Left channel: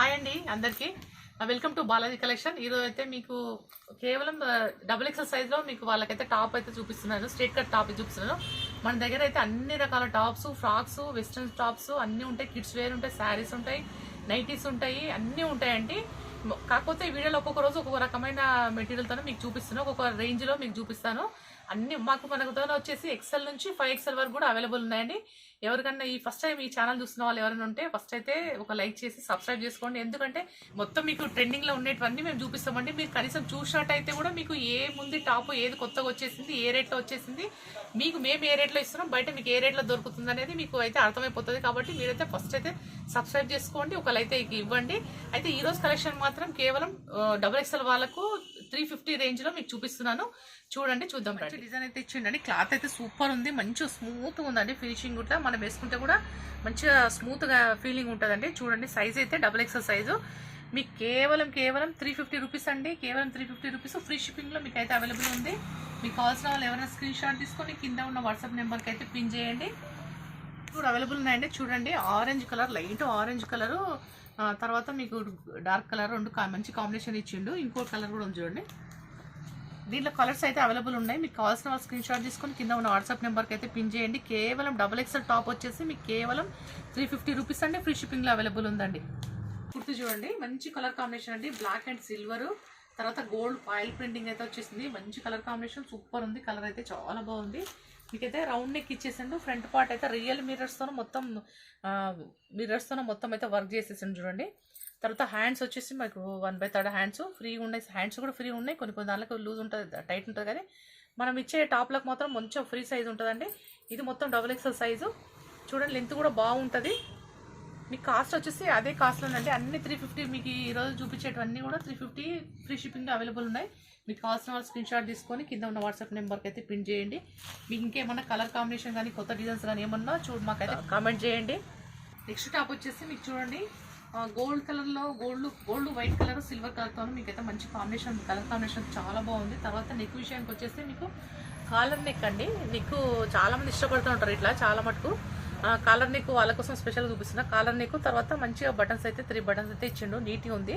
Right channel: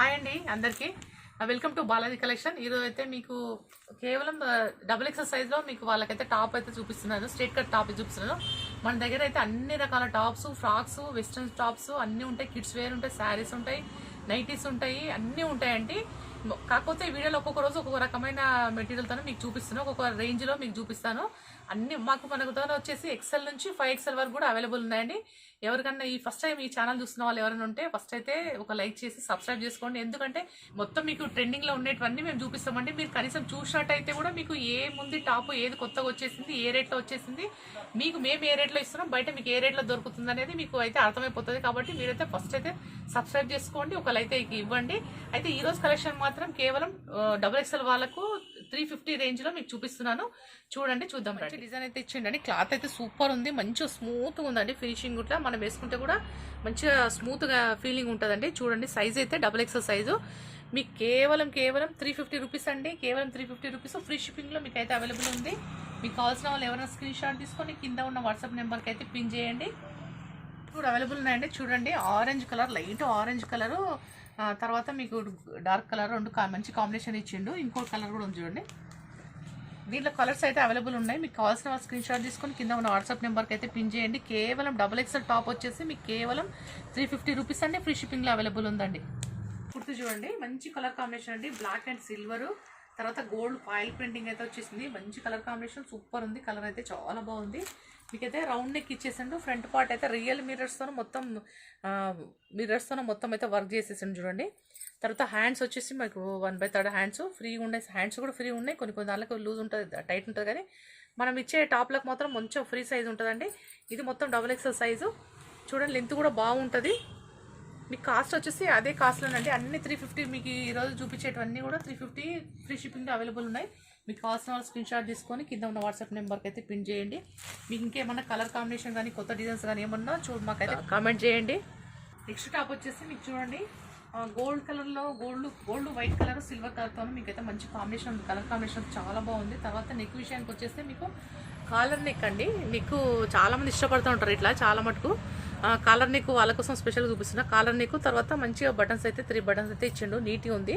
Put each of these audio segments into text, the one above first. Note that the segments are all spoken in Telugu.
హాయ్ అండి అందరికీ వెల్కమ్ టు బాలాజీ కలెక్షన్. ఈరోజు అయితే మీకు కేవలం డబుల్ ఎక్సెల్ సైజ్ లో మీకు వాళ్ళకైతే టాప్ అయితే చూపిస్తున్నాను. స్ట్రేట్ కట్ టాప్ చూపిస్తున్నాను. మన దగ్గర అయితే అన్ని రకాల టాప్స్, ఫ్రాక్స్, వెస్ట్రన్ టాప్స్ అన్ని ఉంటాయి. కిడ్స్ వేర్ ఉంటాయి, శారీస్ ఉంటాయి, నైటీస్ ఉంటాయి, అన్ని ఉంటాయండి. కాకపోతే ఈ వీడియోలో ఒక్కొక్క రోజు ఒక్కొక్క రకమైన మెటీరియల్తో మీకు చూపిస్తాను, ఒక్కొక్క రేంజ్ లో మీకు చూపిస్తాను. అన్ని మనకు వచ్చేసి ఎక్సెల్ నుంచి 5XL వరకు కూడా అవైలబుల్ ఉన్నాయండి. ఎవరికన్నా ఈ ఫస్ట్ టైం ఈ ఛానల్ చూస్తున్న వాళ్ళు ఎవరైనా ఉంటే ఫస్ట్ అయితే ఒక లైక్ చేసి సబ్స్క్రైబ్ చేసుకోండి. ఎందుకంటే మొత్తం మీకు ట్రెండింగ్ లో ఉండేటివన్నీ మేము చూపిస్తామండి. మీరు కనీసం చూసినట్టయితే కూడా మీకు ఏముంది టాప్, ఏది కొత్తగా వచ్చేసింది, ఏ రేట్లో వచ్చేసింది, మీకు మేము ఏ రేట్లో ఇస్తున్నాం, బయట మీకు ఏ రేట్లో దొరుకుతుంది అనేది మీకు అయితే అర్థమైపోతుంది. కాబట్టి మీరైతే ఫస్ట్ అయితే సబ్స్క్రైబ్ చేసుకోండి, ఒక లైక్ అయితే ఇవ్వండి. అయితే ఈ రోజు కలెక్షన్ మాత్రం కేవలం XXL వాళ్ళకు 350 రేంజ్ లో మీకు చూపిస్తున్నాను. చూడండి, చూద్దాం. డిజైన్ అయితే ఇచ్చిండండి. క్లాత్ అయితే సూపర్ ఉంది, మంచిగా స్మూత్ గా ఉందండి. ఫినిషింగ్ కూడా మనం వేసుకుంటే కూడా మంచిగా స్మూత్ గా ఫీలింగ్ ఉంటుందండి. చూడండి, సైజ్ అయితే XXL సైజు మీకు కేవలం 350 రూపీస్ అండి. కేవలం 350 రూపీస్ ఫ్రీ షిప్పింగ్ లో మీకు అయితే అవైలబుల్ ఉంది. మీకు కావాల్సిన వాళ్ళు ఎవరైనా స్క్రీన్ షాట్ తీసుకొని కింద ఉన్న వాట్సాప్ నెంబర్కి అయితే పిన్ చేయండి. ఇప్పుడు అవైలబుల్ ఉన్నాయండి. చూడండి, orange colour, light orange colour, తర్వాత మీకు డార్క్ కలర్, రెండు మంచి కాంబినేషన్ ఇచ్చిండు. ఇంకో కలర్ కూడా ఉంది చూడండి. దీంట్లో కలర్స్ అయితే అవైలబుల్ ఉన్నాయి. మీకు కావాల్సిన వాళ్ళు స్క్రీన్ షాట్ తీసుకొని కింద ఉన్న వాట్సాప్ నెంబర్కి అయితే పిన్ చేయండి. కేవలం XXL టాప్ వచ్చేసి మీకు కేవలం 350 రూపీస్ అండి. ఫ్రీ షిప్పింగ్లో అవైలబుల్ ఉందండి. కుర్తి చూడండి, మంచి కలర్ కాంబినేషన్ అండి. బ్లాక్ అండ్ సిల్వర్, తర్వాత గోల్డ్ ఫాయిల్ ప్రింటింగ్ అయితే వచ్చేసింది. మంచి కలర్ కాంబినేషన్, సూపర్ ఉంది. కలర్ అయితే చాలా బాగుంది. మీకైతే రౌండ్ నెక్ ఇచ్చేసిండు. ఫ్రంట్ పార్ట్ అయితే రియల్ మిర్రర్స్తో మొత్తం అయితే వర్క్ చేసేసిండు చూడండి. తర్వాత హ్యాండ్స్ వచ్చేసి మనకు 1/3 హ్యాండ్స్ ఫ్రీగా ఉన్నాయి. హ్యాండ్స్ కూడా ఫ్రీ ఉన్నాయి. కొన్ని దాంట్లో లూజ్ ఉంటుంది, టైట్ ఉంటుంది. కానీ మనం ఇచ్చే టాప్లకు మాత్రం కొంచెం ఫ్రీ సైజ్ ఉంటుందండి. ఇది మొత్తం XXL సైజు. చూడండి, లెంత్ కూడా బాగుంటుంది. మీకు కాస్ట్ వచ్చేసి అదే కాస్ట్లోనండి. అన్ని 350. మీకు ఈరోజు చూపించేటవన్నీ కూడా 350 ఫ్రీ షిప్పింగ్లో అవైలబుల్ ఉన్నాయి. మీకు కావాల్సిన వాళ్ళు స్క్రీన్ షాట్ తీసుకొని కింద ఉన్న వాట్సాప్ నెంబర్కి అయితే పిన్ చేయండి. మీకు ఇంకేమన్నా కలర్ కాంబినేషన్ కానీ కొత్త డిజైన్స్ కానీ ఏమన్నా మాకైతే కామెంట్ చేయండి. నెక్స్ట్ టాప్ వచ్చేసి మీకు చూడండి, గోల్డ్ కలర్లో గోల్డ్ వైట్ కలర్, సిల్వర్ కలర్తో మీకైతే మంచి కాంబినేషన్, కలర్ కాంబినేషన్ చాలా బాగుంది. తర్వాత నెక్ విషయానికి వచ్చేస్తే మీకు కాలర్ నెక్ అండి. నెక్ చాలా మంది ఇష్టపడుతూ ఉంటారు ఇట్లా, చాలా మటుకు కాలర్ నెక్ వాళ్ళ కోసం స్పెషల్గా చూపిస్తున్నా. కాలర్ నెక్ తర్వాత మంచిగా బటన్స్ అయితే 3 బటన్స్ అయితే ఇచ్చిండు. నీట్గా ఉంది,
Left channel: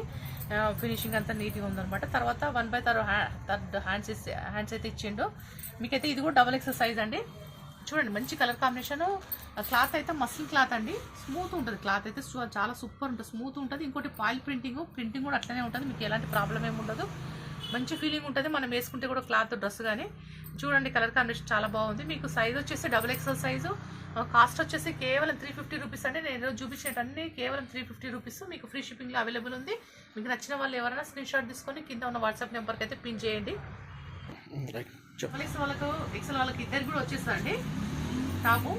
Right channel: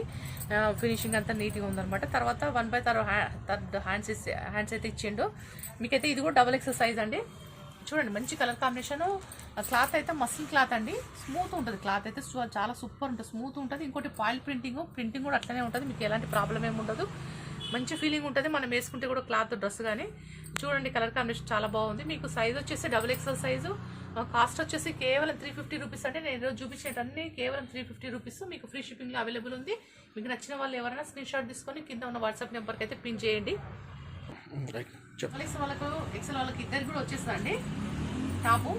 ఫినిషింగ్ అంతా నీట్గా ఉందన్నమాట. తర్వాత 1/3 హ్యాండ్స్ అయితే ఇచ్చిండు. మీకైతే ఇది కూడా XXL సైజ్ అండి. చూడండి, మంచి కలర్ కాంబినేషన్. క్లాత్ అయితే మస్లిన్ క్లాత్ అండి. స్మూత్ ఉంటుంది. క్లాత్ అయితే చాలా సూపర్ ఉంటుంది, స్మూత్ ఉంటుంది. ఇంకోటి ఫాయిల్ ప్రింటింగ్ కూడా అట్లనే ఉంటుంది. మీకు ఎలాంటి ప్రాబ్లం ఏమి ఉండదు. మంచి ఫీలింగ్ ఉంటుంది మనం వేసుకుంటే కూడా క్లాత్, డ్రెస్ కానీ. చూడండి, కలర్ కాంబినేషన్ చాలా బాగుంది. మీకు సైజ్ వచ్చేసి XXL సైజు. కాస్ట్ వచ్చేసి కేవలం 350 రూపీస్ అండి. నేను ఈరోజు చూపించేటన్నీ కేవలం 350 రూపీస్. మీకు ఫ్రీ షిప్పింగ్లో అవైలబుల్ ఉంది. మీకు నచ్చిన వాళ్ళు ఎవరైనా స్క్రీన్ షాట్ తీసుకొని కింద ఉన్న వాట్సాప్ నెంబర్కి అయితే పిన్ చేయండి. XXL వాళ్ళకి ఇద్దరికి కూడా వచ్చేస్తుందండి టాపు.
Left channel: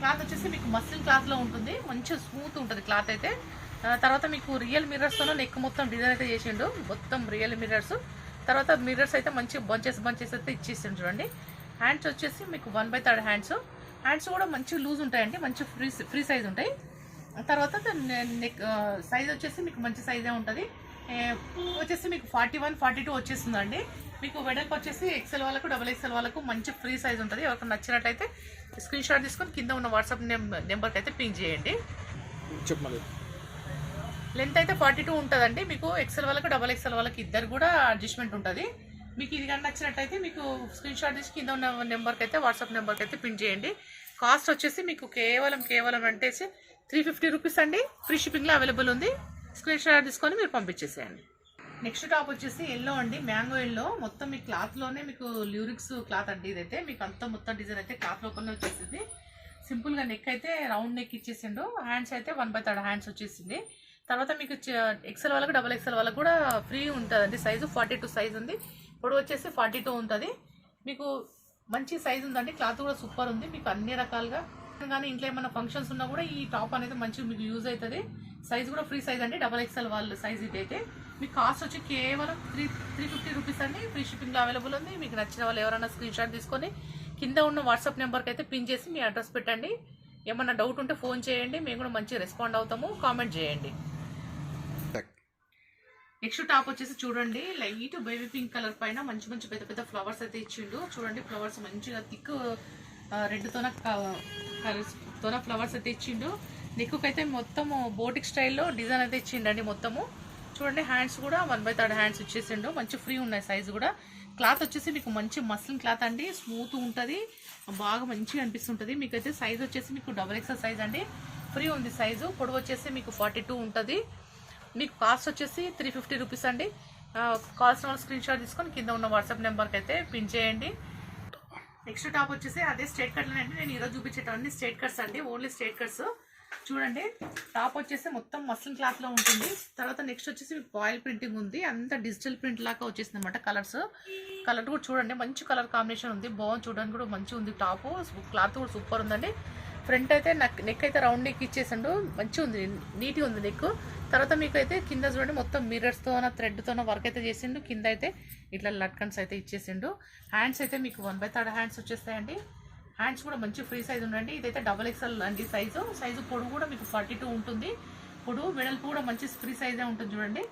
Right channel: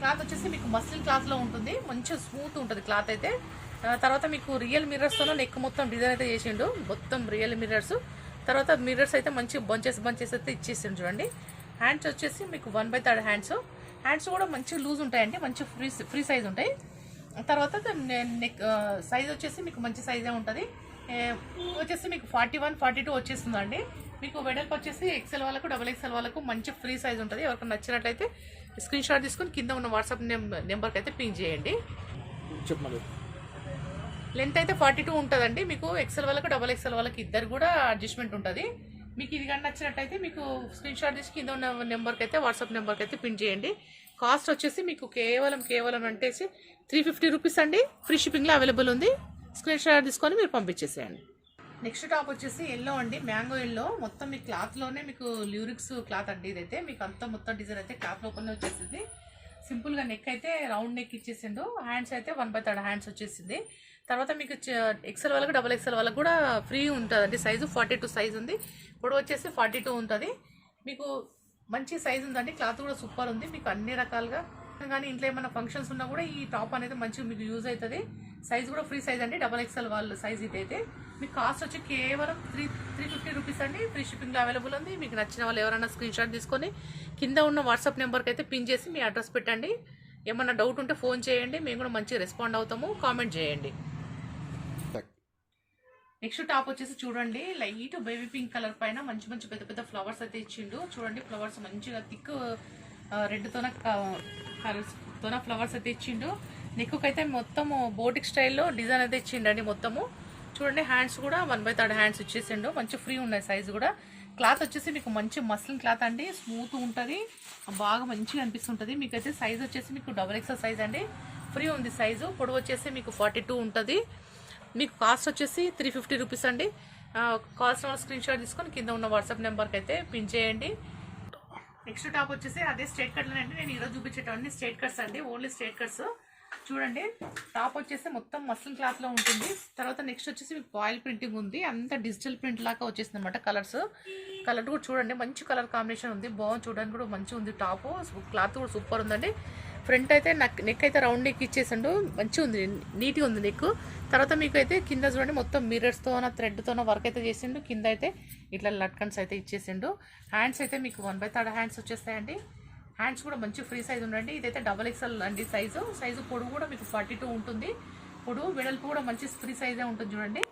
క్లాత్ వచ్చేసి మీకు మస్లిన్ క్లాత్లో ఉంటుంది. మంచిగా స్మూత్ ఉంటుంది క్లాత్ అయితే. తర్వాత మీకు రియల్ మిర్రర్స్తో నెక్ మొత్తం డిజైన్ అయితే చేసిండు. మొత్తం రియల్ మిర్రర్స్. తర్వాత మిర్రర్స్ అయితే మంచి బంచెస్ అయితే ఇచ్చేసిండు చూడండి. హ్యాండ్స్ వచ్చేసి మీకు 1/3 హ్యాండ్స్ కూడా మంచి లూజ్ ఉంటాయండి, మంచి ఫ్రీ సైజ్ ఉంటాయి. తర్వాత నెక్ సైజ్ వచ్చేసి మీకు మంచి సైజే ఉంటుంది. వచ్చేసి మీకు 41, 42 వచ్చేస్తుందండి. మీకు వెడల్పు వచ్చేసి XL వాళ్ళకు, XXL వాళ్ళకు మంచి ఫ్రీ సైజ్ ఉంటుంది. ఎవరికి నచ్చినట్లయితే స్క్రీన్ షాట్ తీసుకొని కింద ఉన్న వాట్సాప్ నెంబర్కి అయితే పిన్ చేయండి. లెంత్ అయితే 42 ఉంటుందండి. మీకు XL వాళ్ళకు, XXL వాళ్ళకి ఇద్దరు కూడా అడ్జస్ట్మెంట్ ఉంటుంది. మీకు ఇది కానీ నచ్చినట్టయితే మీకు స్క్రీన్ షాట్ తీసి కింద ఉన్న నెంబర్కి అయితే, వాట్సాప్ నెంబర్కి అయితే పిన్ చేయండి. కాస్ట్ వచ్చేసి మీకు కేవలం అంటే 350 రూపీస్ అండి. ఫ్రీ షిప్పింగ్లో అవైలబుల్ ఉంది. స్క్రీన్ షాట్ తీసుకొని మీరు పంపించేసేయండి. నెక్స్ట్ టాప్ వచ్చేసి ఎల్లో అండి, మ్యాంగో ఎల్లో. మొత్తం మీ క్లాత్లోనే మీకు ల్యూరిక్స్ క్లాత్ అండి. ఇదైతే మీకు అంతా మొత్తం డిజైన్ అయితే క్లాత్ లోపలనే వచ్చేసింది. సింపుల్గా నెక్ అయితే రౌండ్ నెక్ ఇచ్చేసిండు. హ్యాండ్స్ అయితే 1/3 హ్యాండ్స్ వచ్చేసింది. తర్వాత మీకు XL వాళ్ళకు, XXL వాళ్ళకు కూడా ఫ్రీ ఉంటుందండి. సైజు 42 సైజ్ ఉంది. ఇప్పుడు వచ్చేసి 42 ఉంటుంది. మీకు మంచి సైజ్ ఉందండి. క్లాత్ కూడా సూపర్ ఉంది. మీకు అన్ని రకాలుగా కానీ ఇంట్లో ఏమైనా ఫంక్షన్స్ ఉన్నా కూడా ఈ టాప్ అనేది మంచిగా మీకు యూజ్ అవుతుంది. సైజ్ కూడా ఫ్రీ సైజ్ అండి. XXL వాళ్ళ సైజ్ ఇదైతే. మీకు కాస్ట్ వచ్చి కేవలం 350 రూపీస్ అండి. ఫ్రీ షిప్పింగ్లో అవైలబుల్ ఉంది. మీకు నచ్చిన వాళ్ళు ఎవరైనా స్క్రీన్ షాట్ తీసుకొని కింద ఉన్న వాట్సాప్ నెంబర్కి అయితే పిన్ చేసి మీ అడ్రస్ పెట్టండి. ఏమన్నా డౌట్ ఉంటే ఫోన్ చేయండి, మేము కూడా మంచిగా రెస్పాండ్ అవుతాము. కామెంట్ చేయండి. నెక్స్ట్ టాప్ వచ్చేసి చూడండి, లైట్ బేబీ పింక్ కలర్ పైన మంచి పెద్ద ఫ్లవర్స్ అయితే ఇచ్చిండు. చూడండి, ఫ్లవర్స్ మంచిగా థిక్ రెడ్ తోన ఫ్లవర్స్ అయితే ఇచ్చిండు. నెక్కు అయితే మొత్తము బోటిక్ స్టైల్లో డిజైన్ అయితే ఇచ్చిండండి మొత్తము. చూడండి హ్యాండ్స్ కూడా 1/3 హ్యాండ్స్ ఇచ్చేసిండు. మంచి ఫ్రీ ఉన్నాయి సైజు కూడా. క్లాత్ వచ్చేసి మీకు మంచి మస్లిన్ క్లాత్ అండి, స్మూత్ ఉంటుంది, బాగా మంచిగా అనిపిస్తుంటుంది. మీకైతే సైజ్ వచ్చేసి మీకు XXL సైజ్ అండి, ఫ్రీ ఉంది సైజు. పొడవు వచ్చేసి మీకు 42 ఉంటుంది. మీకు కాస్ట్ వచ్చేసి 350 రూపీస్ అండి. కావాల్సిన స్క్రీన్ షాట్ తీసుకొని కింద ఉన్న వాట్సాప్ నెంబర్కి అయితే పిన్ చేయండి. నెక్స్ట్ టాప్ వచ్చేసి అదే స్ట్రేట్ కట్ అండి. నేను ఈరోజు చూపించేటవన్నీ స్ట్రేట్ కట్స్ అండి, ఓన్లీ స్ట్రేట్ కట్స్. చూడండి టాప్ వచ్చేసి మొత్తం మస్లిన్ క్లాత్ లో ఉంటుంది. తర్వాత నెక్స్ట్ వచ్చేసి మీకు ఆయిల్ ప్రింటింగ్ ఉంది, అంత డిజిటల్ ప్రింట్ లాగా వచ్చేసింది అనమాట. కలర్ కూడా చూడండి మంచి కలర్ కాంబినేషన్ ఉంది, బాగుంది, చూడడానికి కూడా మంచిగా ఉంది. టాప్ క్లాత్ కూడా సూపర్ ఉందండి. ఫ్రంట్ అయితే నెక్ అయితే రౌండ్ నెక్ ఇచ్చేసిండు, మంచిగా ఉంది, నీట్గా ఉంది నెక్. తర్వాత మీకు అయితే కింద చూడండి మొత్తం మిర్రర్స్తోన థ్రెడ్తోన వర్క్ అయితే చేసిండు. కింద అయితే ఇట్లా లట్కన్స్ అయితే ఇచ్చేసిండు. హ్యాండ్స్ అయితే మీకు 1/3 హ్యాండ్స్ వచ్చేస్తాయండి. హ్యాండ్స్ కూడా మంచి ఫ్రీ సైజ్ ఉండండి. ఇదైతే XXL అండి సైజు. పొడవు కూడా మీకు 42 ఉంటుంది. పొడవు వెడల్పు కూడా మంచి ఫ్రీ సైజే ఉంటుంది చూడండి.